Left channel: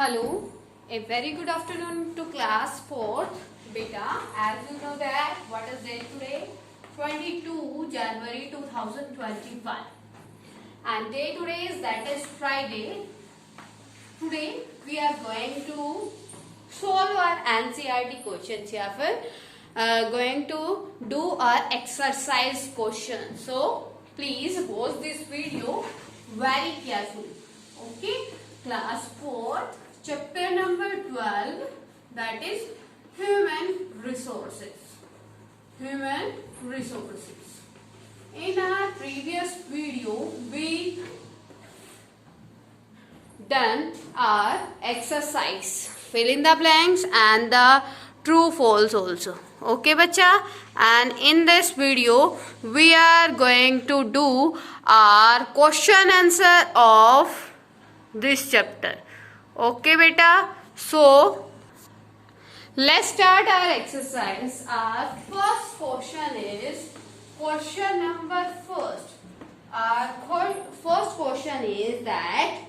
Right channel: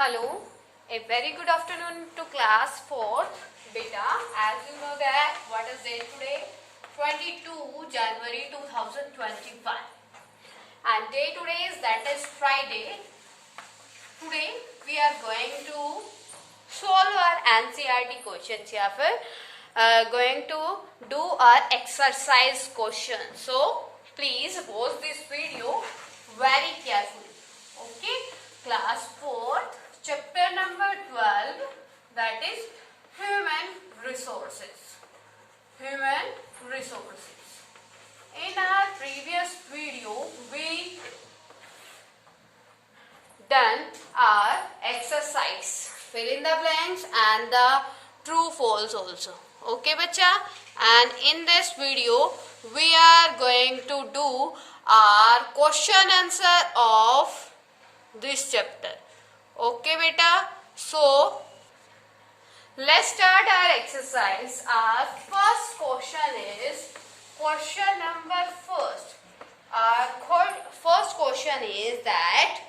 Hello, a very good afternoon to class 4th. Beta, as you know that what is date today? 22 January 2025. And day today is that is Friday. Today we are going to solve our NCERT questions. या फिर going to do our exercise questions. So please watch this video very carefully. Okay, class 4th. Chapter number 12, that is human resources. Human resources. In our previous video, we done our exercise. Fill in the blanks and the true false also. Okay, bacha? And in this video, we are going to do our question answer of this chapter. Okay, beta. So let's start our exercise. Our first question is question number first. Our first question is that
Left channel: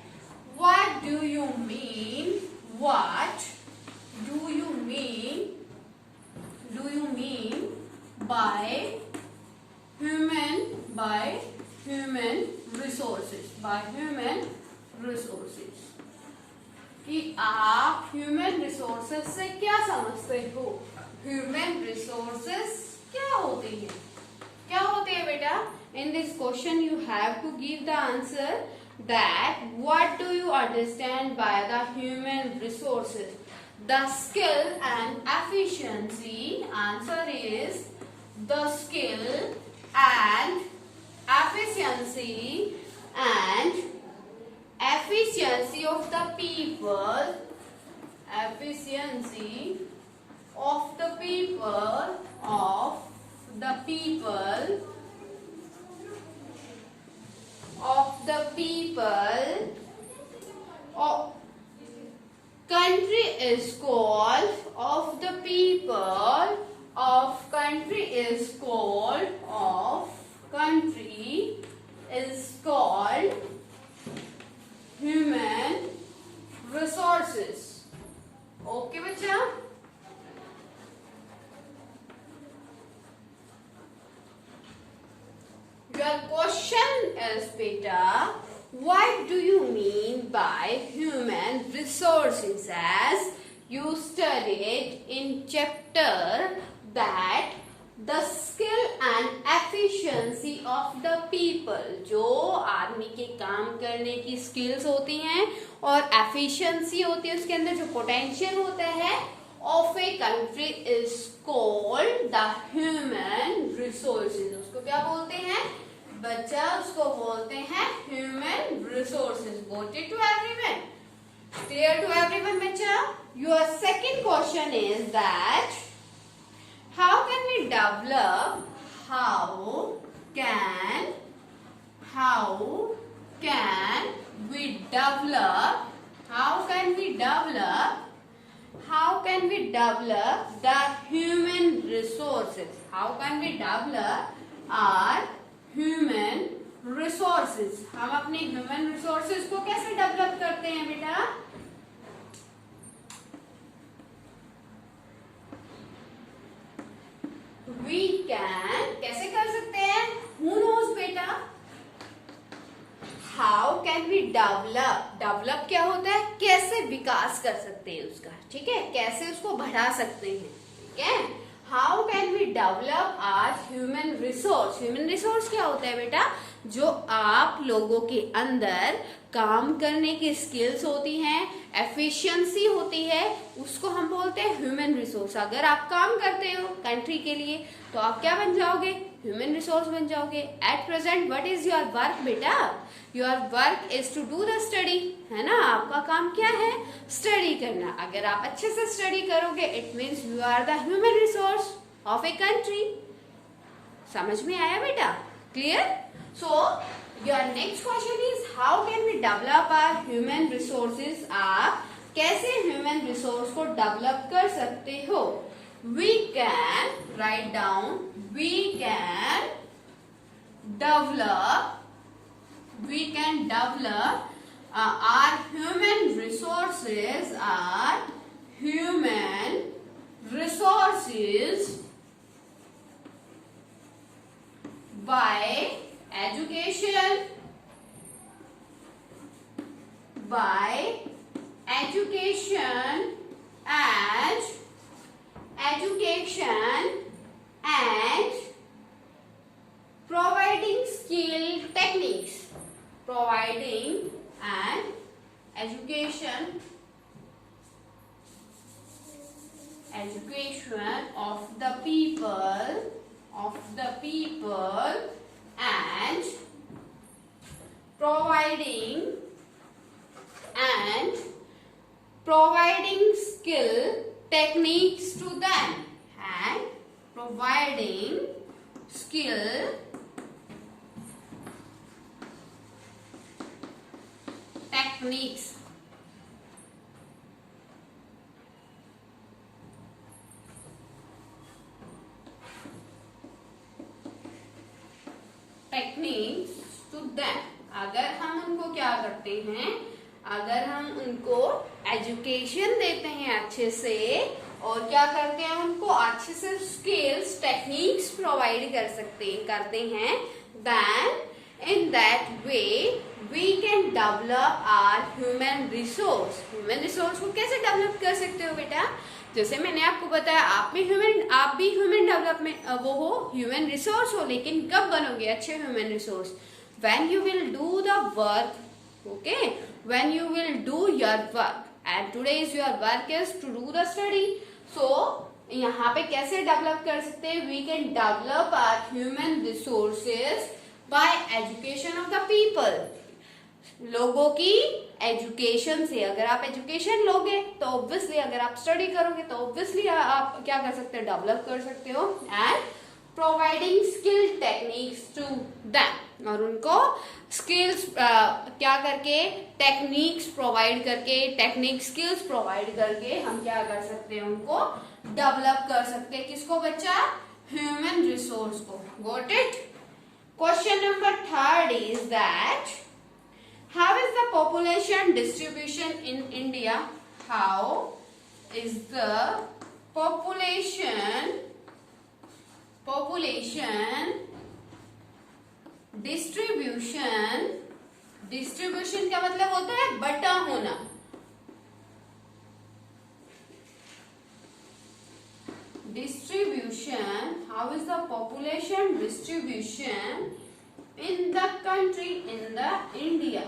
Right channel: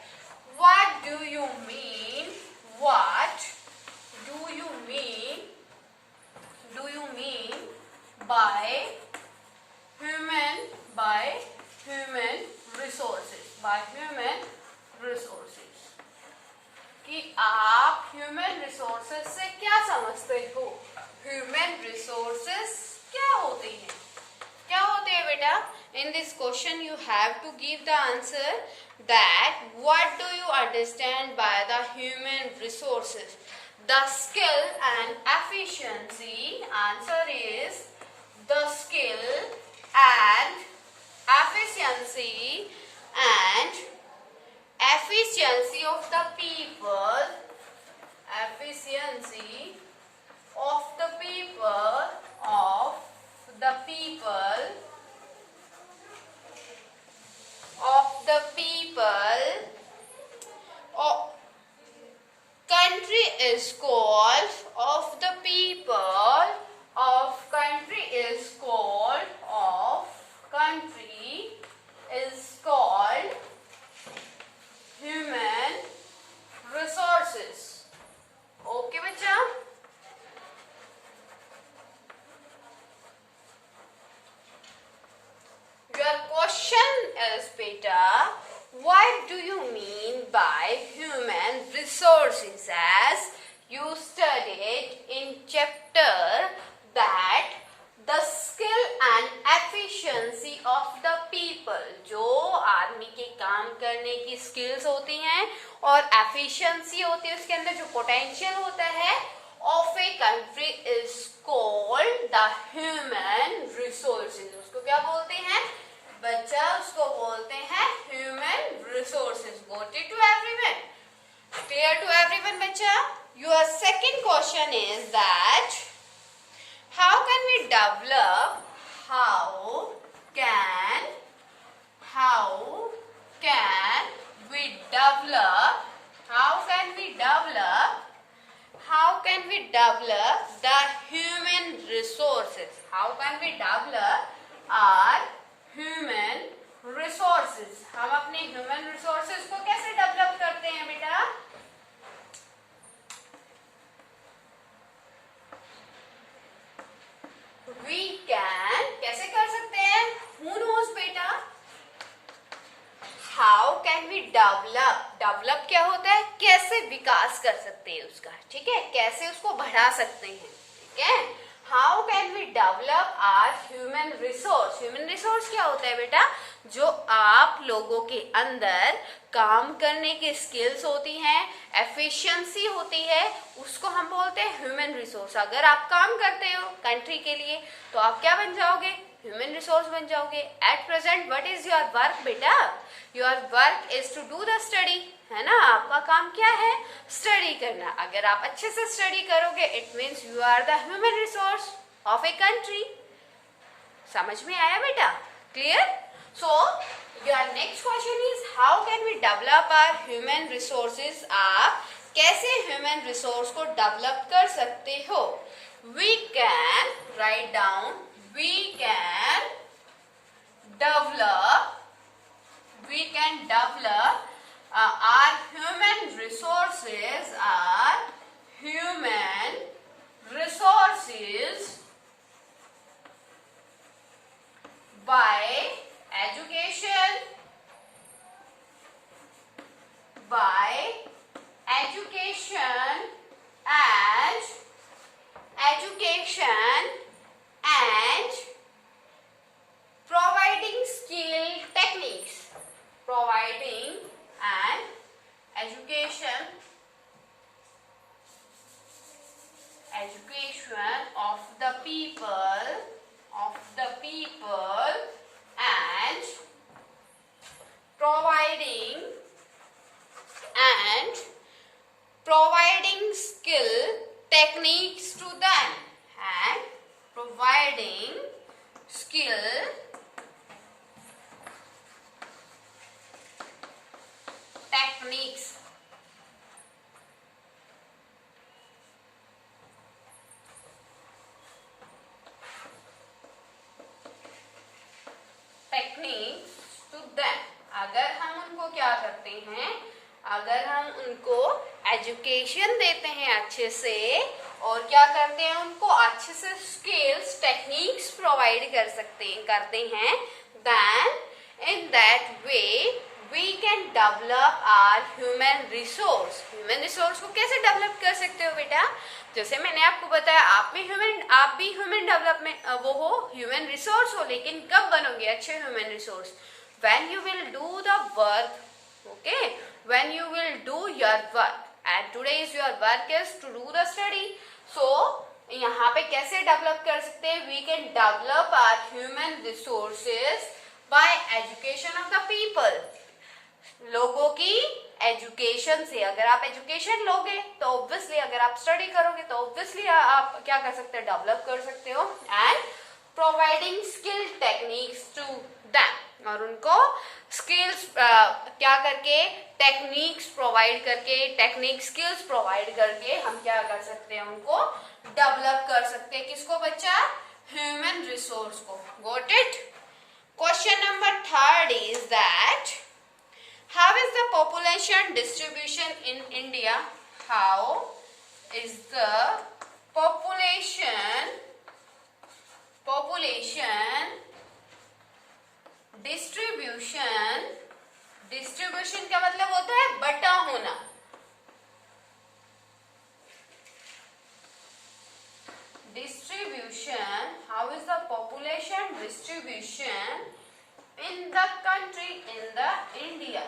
what do you mean? What do you mean? Do you mean by human resources? By human resources. कि आप human resources से क्या समझते हो? Human resources क्या होते हैं? क्या होते हैं बेटा? In this question you have to give the answer that what do you understand by the human resources? The skill and efficiency. Answer is the skill and efficiency of the people, efficiency of the people, country is called, of the people, of country is called, of country is called human resources. Okay, बच्चा? Your question is, beta, what do you mean by human resources? As you studied in chapter that the skill and efficiency of the people, जो आदमी के काम करने की skills होती हैं और efficiency होती है, उसके अंदर जो potential होता है of a country is called the human resources. उसको क्या बोलते हैं बच्चा? उसको बोलते हैं human resources. Got it to everyone? Clear to everyone, बच्चा? Your second question is that how can we develop the human resources? How can we develop our human resources? हम अपने human resources को कैसे develop करते हैं बेटा? We can कैसे कर सकते हैं? Who knows बेटा? How can we develop क्या होता है? कैसे विकास कर सकते हैं उसका, ठीक है? कैसे उसको बढ़ा सकते हैं, ठीक है? How can we develop our human resource? Human resource क्या होता है बेटा? जो आप लोगों के अंदर काम करने की स्किल्स होती हैं, एफिशिएंसी होती है, उसको हम बोलते हैं ह्यूमन रिसोर्स. अगर आप काम करते हो कंट्री के लिए तो आप क्या बन जाओगे? ह्यूमन रिसोर्स बन जाओगे. At present what is your work बेटा? Your work is to do the study, है ना? आपका काम क्या है? स्टडी करना. अगर आप अच्छे से स्टडी करोगे it means you are the human resource of a country. समझ में आया बेटा? Clear? So your next question is how can we develop our human resources? आप कैसे human resource को develop कर सकते हो? We can write down. We can develop our human resources by education and providing skill techniques, providing and education of the people and providing skill techniques to them, and providing skill techniques to them. अगर हम उनको क्या करते हैं, अगर हम उनको education देते हैं अच्छे से और क्या करते हैं, उनको अच्छे से स्किल्स टेक्निक्स प्रोवाइड करते हैं, then in that way we can develop our human resource को कैसे डेवलप कर सकते हो बेटा? जैसे मैंने आपको बताया, आप भी ह्यूमन डेवलपमेंट वो हो, ह्यूमन रिसोर्स हो, लेकिन कब बनोगे अच्छे human resource? when you will do the work, okay, when you will do your work, and today's your work is to do the study. So यहाँ पे कैसे डेवलप कर सकते हैं? we can develop our human resources by education of the people. लोगों की education से, अगर आप एजुकेशन लोगे तो ऑब्वियसली, अगर आप स्टडी करोगे तो ऑब्वियसली आप क्या कर सकते हो, डेवलप कर सकते हो, and providing skill techniques to them, और उनको स्किल्स क्या करके, टेक्निक्स प्रोवाइड करके, टेक्निक स्किल्स प्रोवाइड करके हम क्या कर सकते हैं, उनको डेवलप कर सकते हैं। किसको बच्चा? ह्यूमन रिसोर्स को। Got it? Question number 3 is that how is the population distribution in India? How is the population distribution का मतलब होता है बटा होना। Distribution, how is the population distribution in the country, in the India?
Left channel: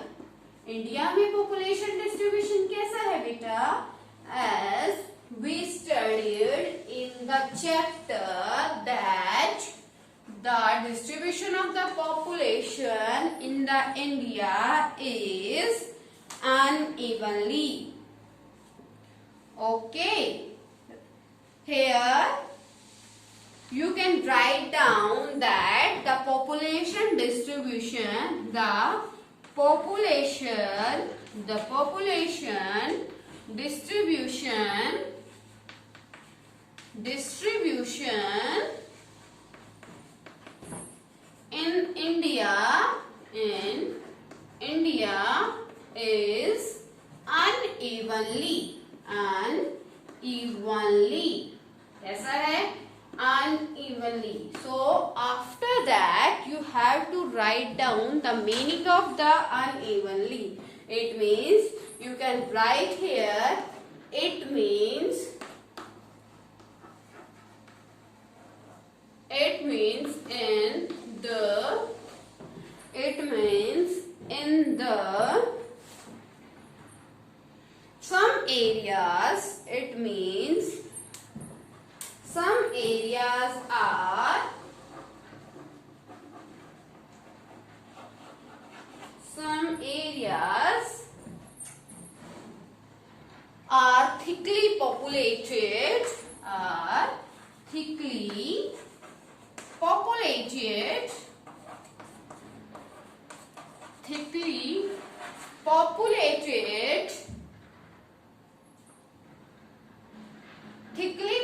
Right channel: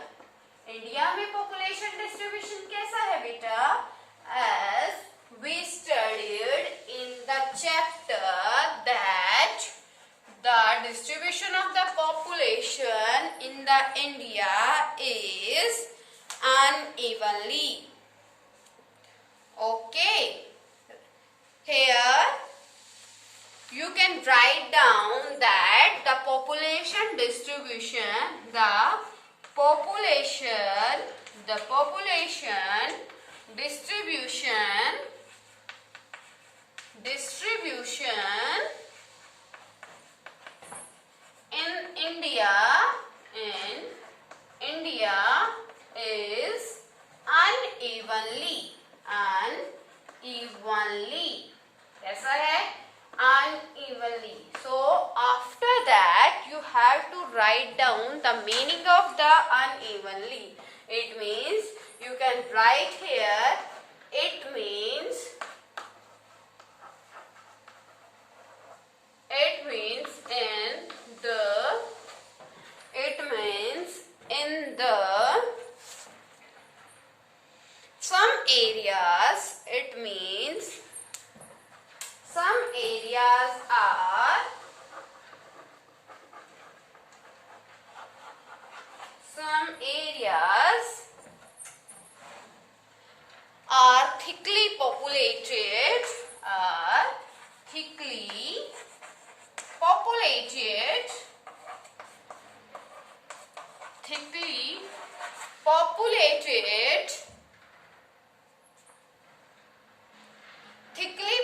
India में population distribution कैसा है बेटा? As we studied in the chapter that the distribution of the population in the India is unevenly. Okay, here you can write down that the population distribution, the population distribution in India is unevenly. कैसा है? Unevenly. So after that you have to write down the meaning of the unevenly. It means, you can write here, it means in the some areas, it means some areas are thickly populated, thickly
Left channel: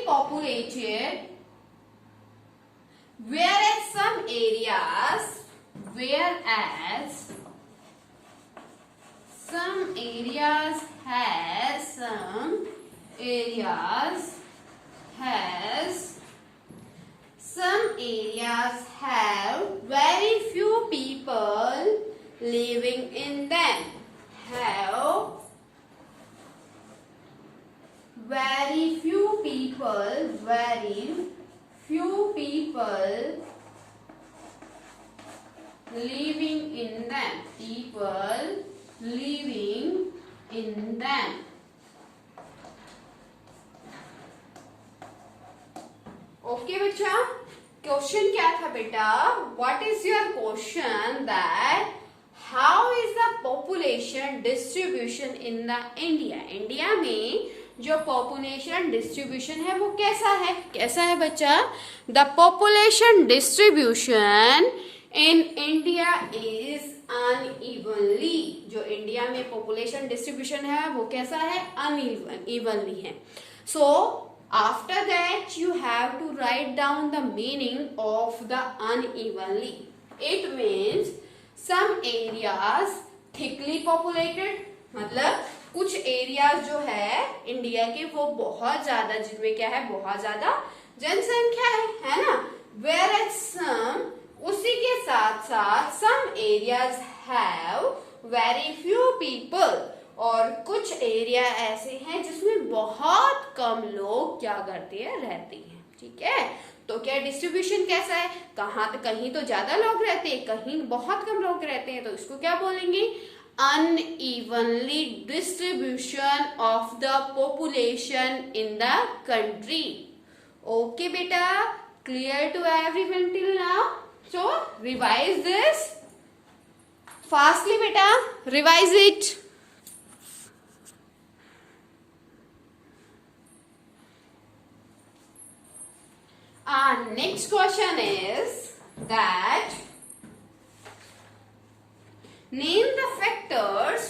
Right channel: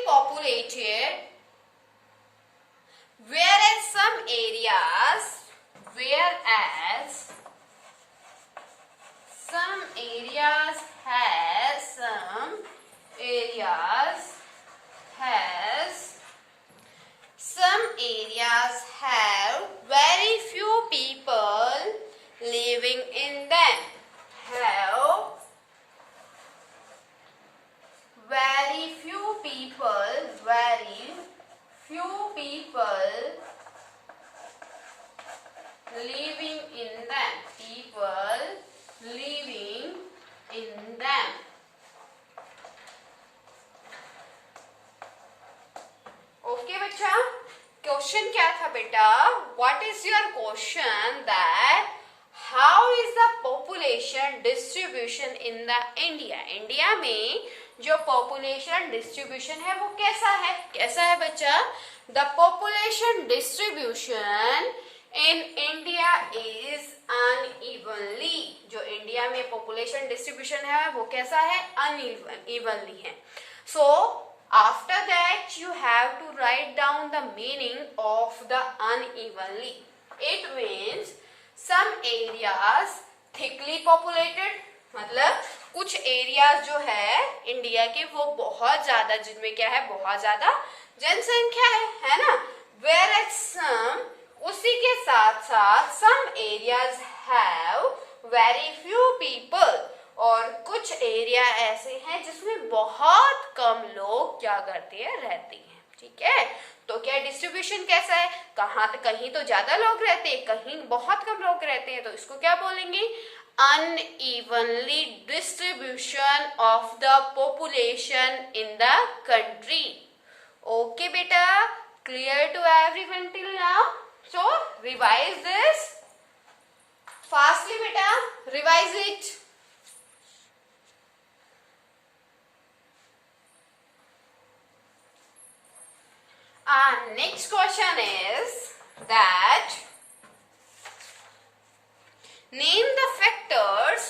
populated, whereas some areas some areas has have very few people living in them. Have very few people living in them. Okay बच्चा, question क्या था बेटा? What is your question? That how is the population distribution in the India में जो population distribution है वो कैसा है बच्चा? The population distribution in India is unevenly. जो इंडिया में पॉपुलेशन डिस्ट्रीब्यूशन है वो कैसा है? अनइवनली है. सो after that you have to write down the meaning of the unevenly. It means some areas thickly populated, मतलब कुछ एरियाज जो है इंडिया के वो बहुत ज्यादा, जिनमें क्या है? बहुत ज्यादा जनसंख्या है ना? whereas some, उसी के साथ साथ some areas have very few people, और कुछ एरिया ऐसे हैं जिसमें बहुत कम लोग क्या करते हैं? रहते हैं. ठीक है, तो क्या डिस्ट्रीब्यूशन कैसा है? कहीं तो ज्यादा लोग रहते हैं, कहीं बहुत कम लोग रहते हैं, तो इसको क्या बोलेंगे? Unevenly distribution of the population in the country. Okay बेटा, clear to everyone till now? So revise this fastly बेटा, revise it. Next question is that name the factors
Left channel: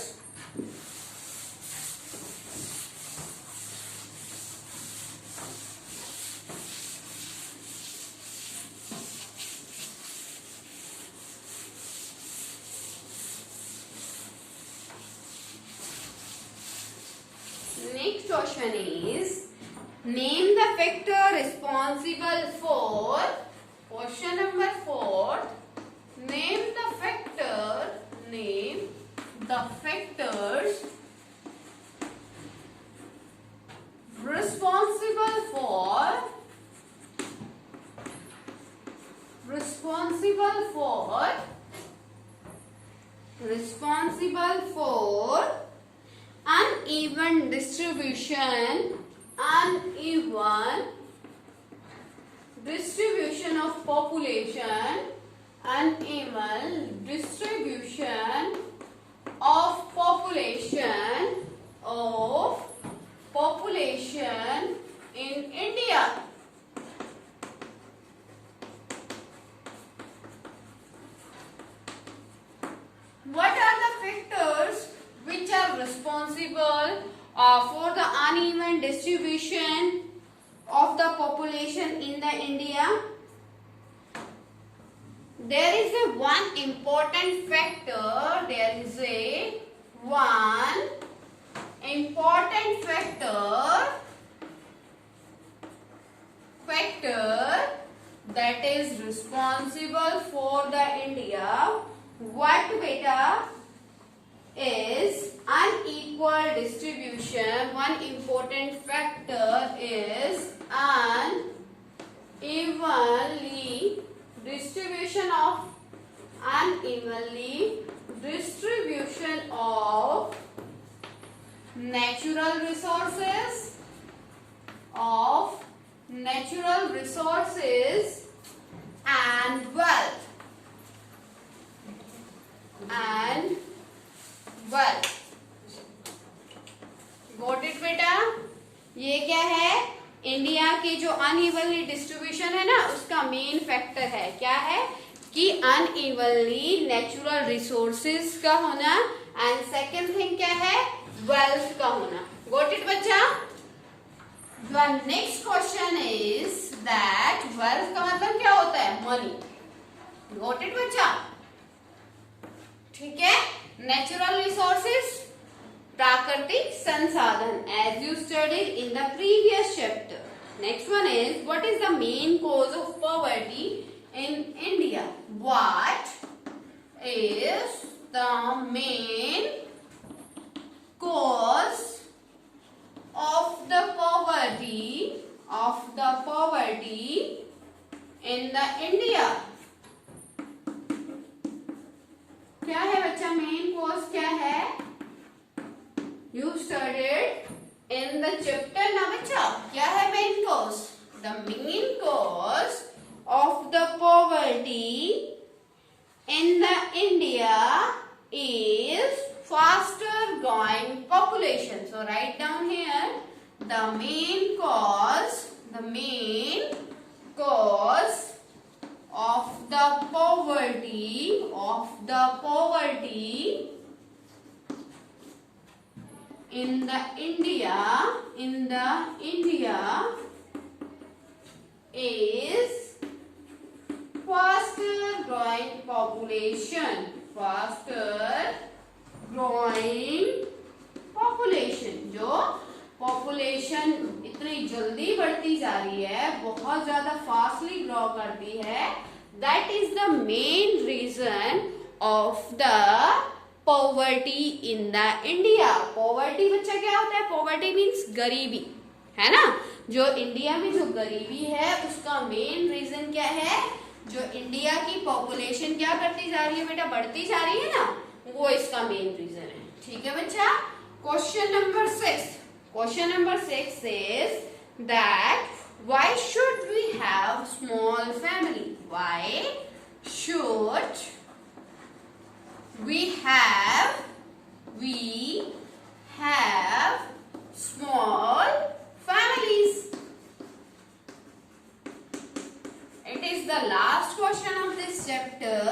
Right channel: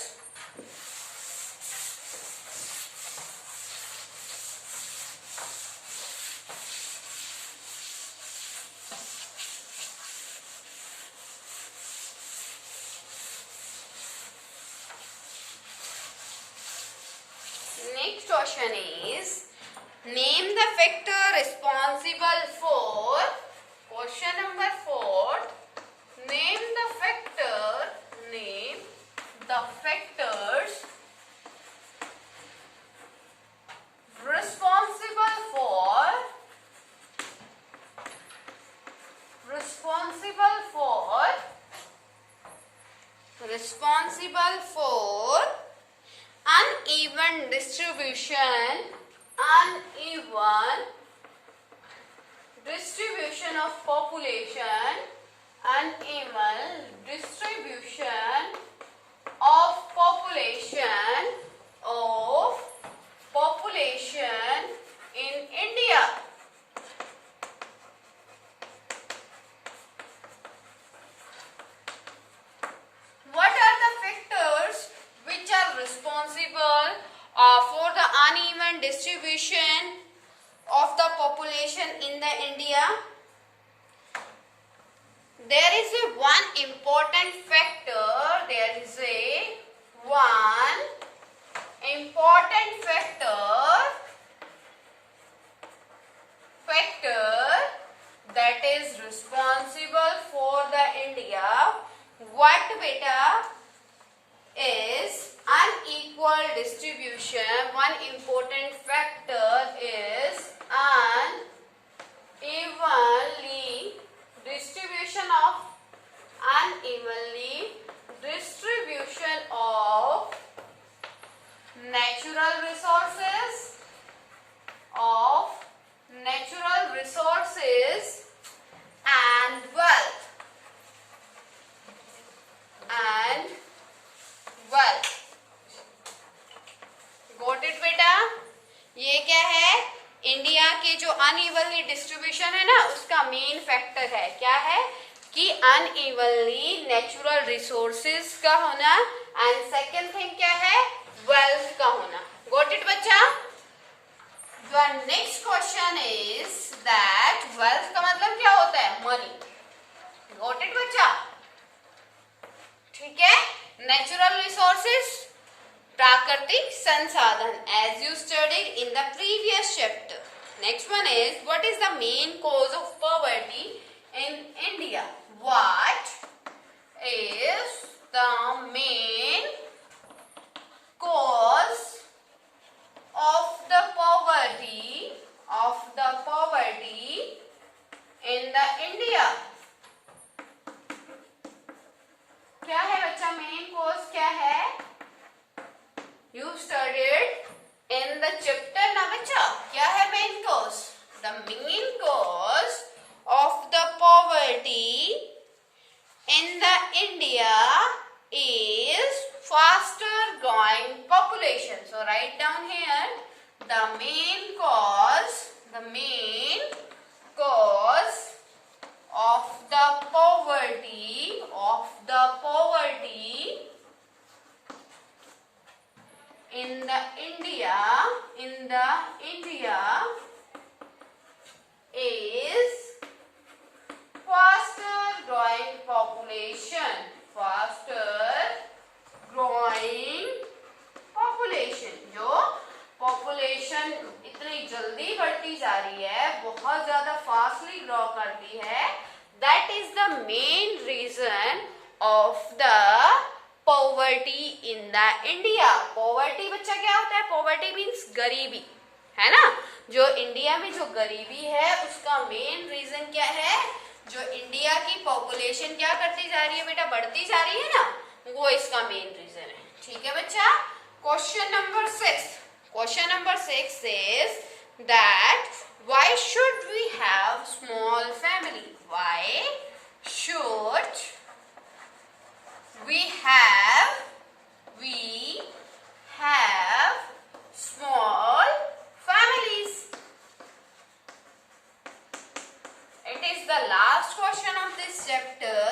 Next question is name the factor responsible for. Question number 4. Name the factors responsible for uneven distribution of population, uneven distribution of population in India. What are the factors which are responsible for the uneven distribution of the population in the India? There is a one important factor. There is a one important factor that is responsible for the India. What beta? Is unequal distribution. One important factor is unevenly distribution of natural resources and wealth. Got it बेटा? ये क्या है? India के जो unevenly distribution है ना, उसका main factor है. क्या है? कि अनइवनली नेचुरल रिसोर्सेज का होना, एंड सेकेंड थिंग क्या है? वेल्थ का होना. गॉट इट बच्चा? The next question is that wealth का मतलब क्या होता है? मनी. गॉट इट बच्चा? ठीक है, नेचुरल रिसोर्सेज प्राकृतिक संसाधन, as you studied in the previous chapter. Next one is, what is the main cause of poverty in India? What is the main cause of the poverty in the India? क्या है बच्चा main cause क्या है? You studied in the chapter ना बच्चा, क्या है main cause? The main cause of the poverty in the India is faster growing population. So write down here the main cause of the poverty in the India is faster growing population. जो population इतनी जल्दी बढ़ती जा रही है, बहुत ज्यादा fastly grow करती है, that is the main reason of the poverty in the India. Poverty बच्चा क्या होता है? पॉवर्टी मीन्स गरीबी, है ना. जो इंडिया में जो गरीबी है उसका मेन रीजन क्या है? जो इंडिया की पॉपुलेशन क्या करती जा रही है बेटा, बढ़ती जा रही है ना, वो इसका मेन रीजन है. ठीक है बच्चा. Question number 6 is that why should we have small family? Why should we have small families? It is the last question of this chapter.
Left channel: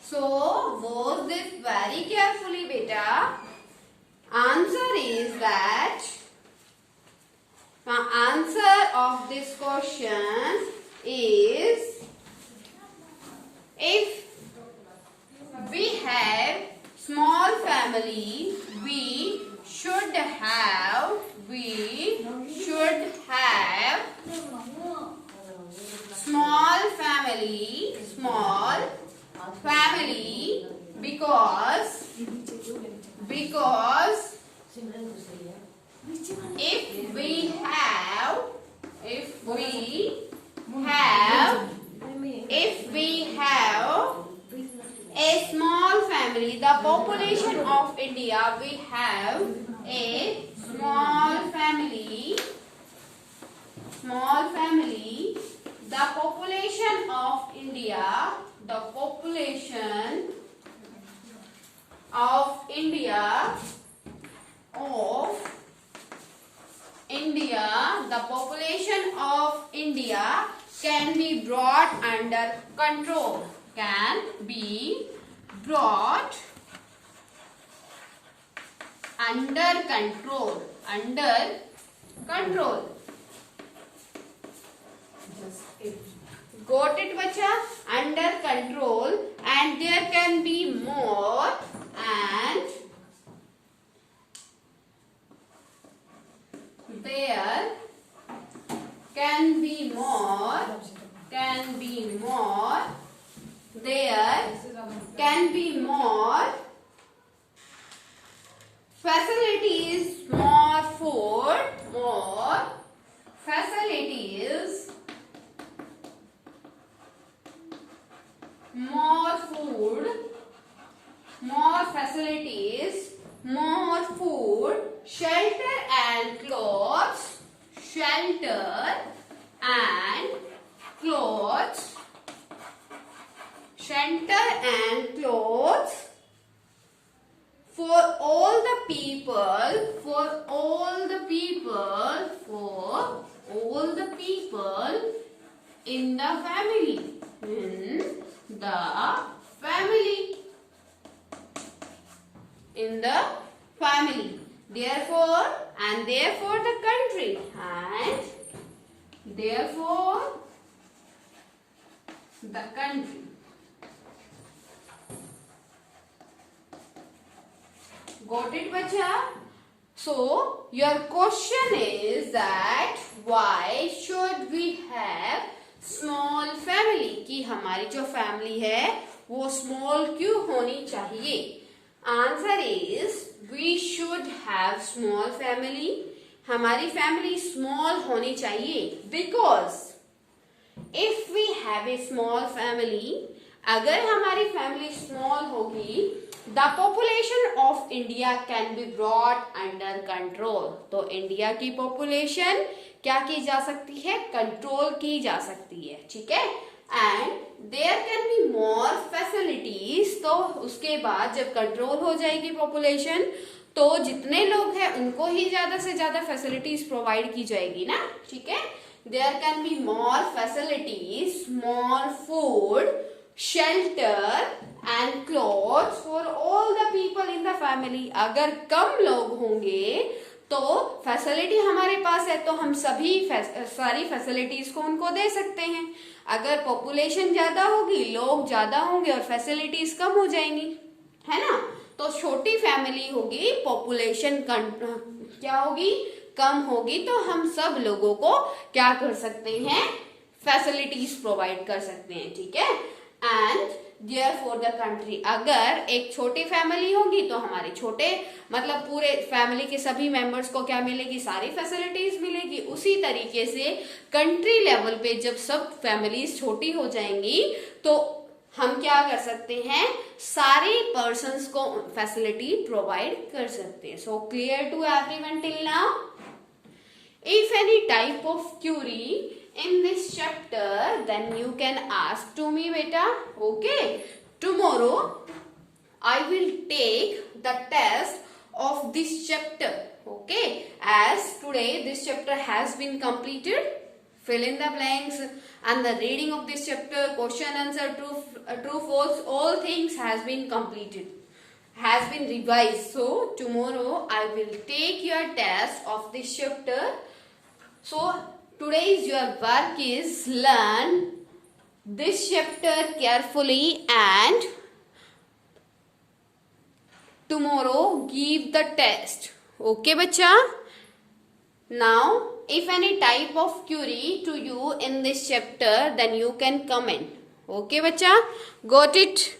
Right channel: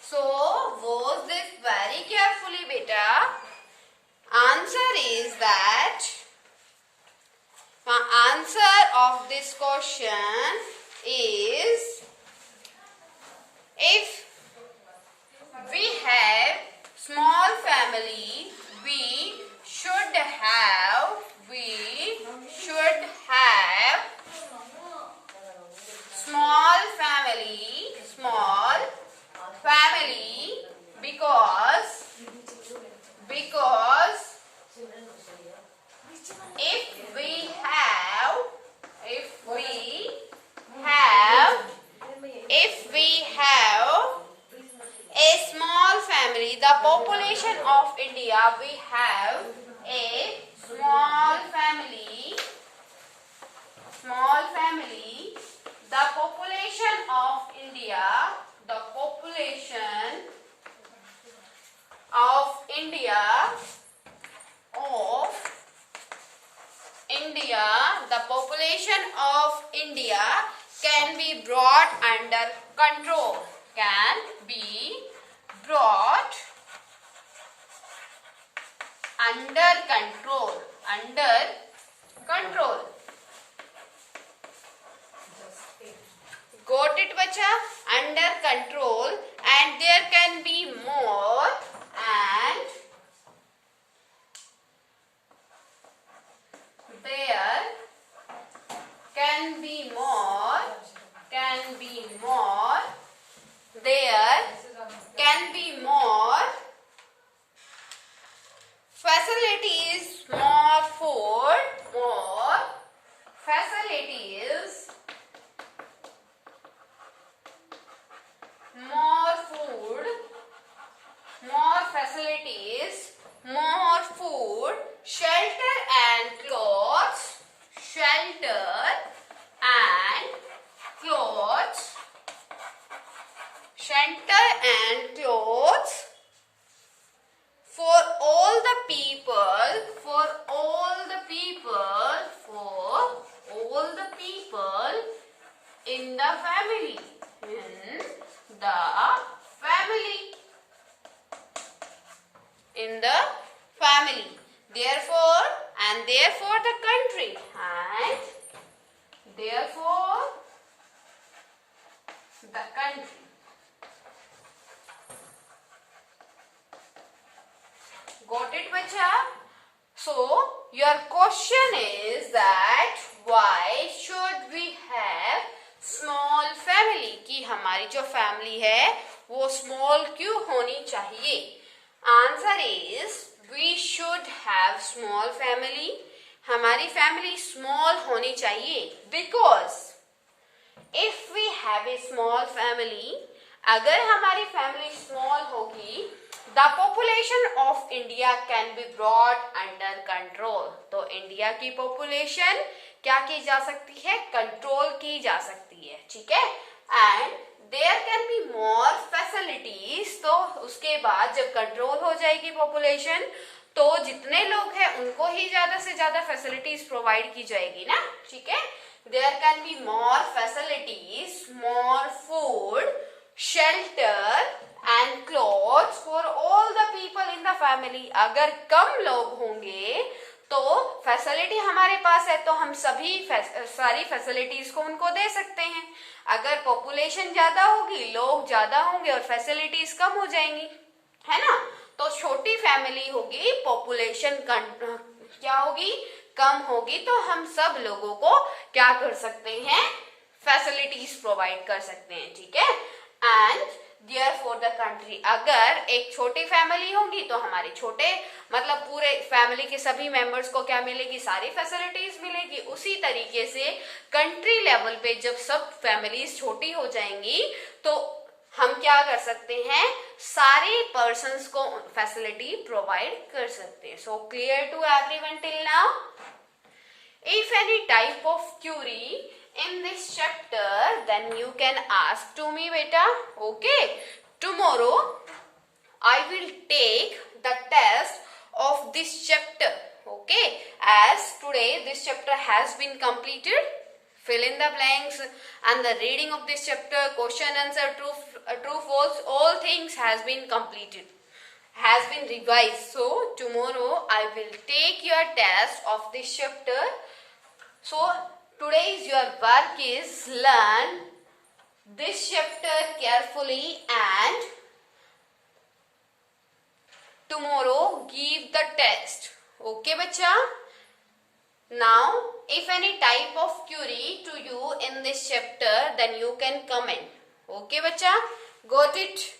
So watch this very carefully beta. Answer is that the answer of this question is, if we have small family, we should have small family because if we have a small family, the population of India, we have a small family, the population of India, the population of India can be brought under control. Got it बच्चा? Under control, and there can be more facilities, more food, more facilities, more food, shelter and clothes, for all the people in the family. Therefore the country, and therefore the country. Got it बच्चा? So your question is that why should we have small family, कि हमारी जो family है वो small क्यों होनी चाहिए? Answer is we should have small family, हमारी फैमिली स्मॉल होनी चाहिए because if we have a small family, अगर हमारी फैमिली स्मॉल होगी, the population of India can be brought under control, तो इंडिया की पॉपुलेशन क्या की जा सकती है? कंट्रोल की जा सकती है, ठीक है। And there can be more facilities, तो उसके बाद जब कंट्रोल हो जाएगी पॉपुलेशन तो जितने लोग हैं उनको ही ज्यादा से ज्यादा फैसिलिटीज प्रोवाइड की जाएगी ना, ठीक है। There can be more facilities, more food, shelter and clothes for all the people in the family. अगर कम लोग होंगे तो फैसिलिटी हमारे पास है तो हम सारी फैसिलिटीज को उनको दे सकते हैं। अगर पॉपुलेशन ज्यादा होगी, लोग ज्यादा होंगे और फैसिलिटीज कम हो जाएंगी, है ना। तो छोटी फैमिली होगी, पॉपुलेशन क्या होगी? कम होगी, तो हम सब लोगों को क्या कर सकते हैं? फैसिलिटीज प्रोवाइड कर सकते हैं, ठीक है। And therefore the country, अगर एक छोटी फैमिली होगी तो हमारे छोटे मतलब पूरे फैमिली के सभी मेंबर्स को क्या मिलेगी? सारी फैसिलिटीज मिलेगी। उसी तरीके से कंट्री लेवल पे जब सब फैमिलीज छोटी हो जाएंगी तो हम क्या कर सकते हैं? सारे पर्सन्स को फैसिलिटी प्रोवाइड कर सकते हैं। So clear to everyone till now? If any type of query in this chapter, then you can ask to me, beta. Okay. Tomorrow, I will take the test of this chapter. Okay. As today this chapter has been completed, fill in the blanks and the reading of this chapter, question answer, true, false, all things has been completed. Has been revised. So tomorrow I will take your test of this chapter. So today's your work is learn this chapter carefully and tomorrow give the test. Okay, bacha? Now, if any type of query to you in this chapter, then you can comment. Okay, bacha? Got it?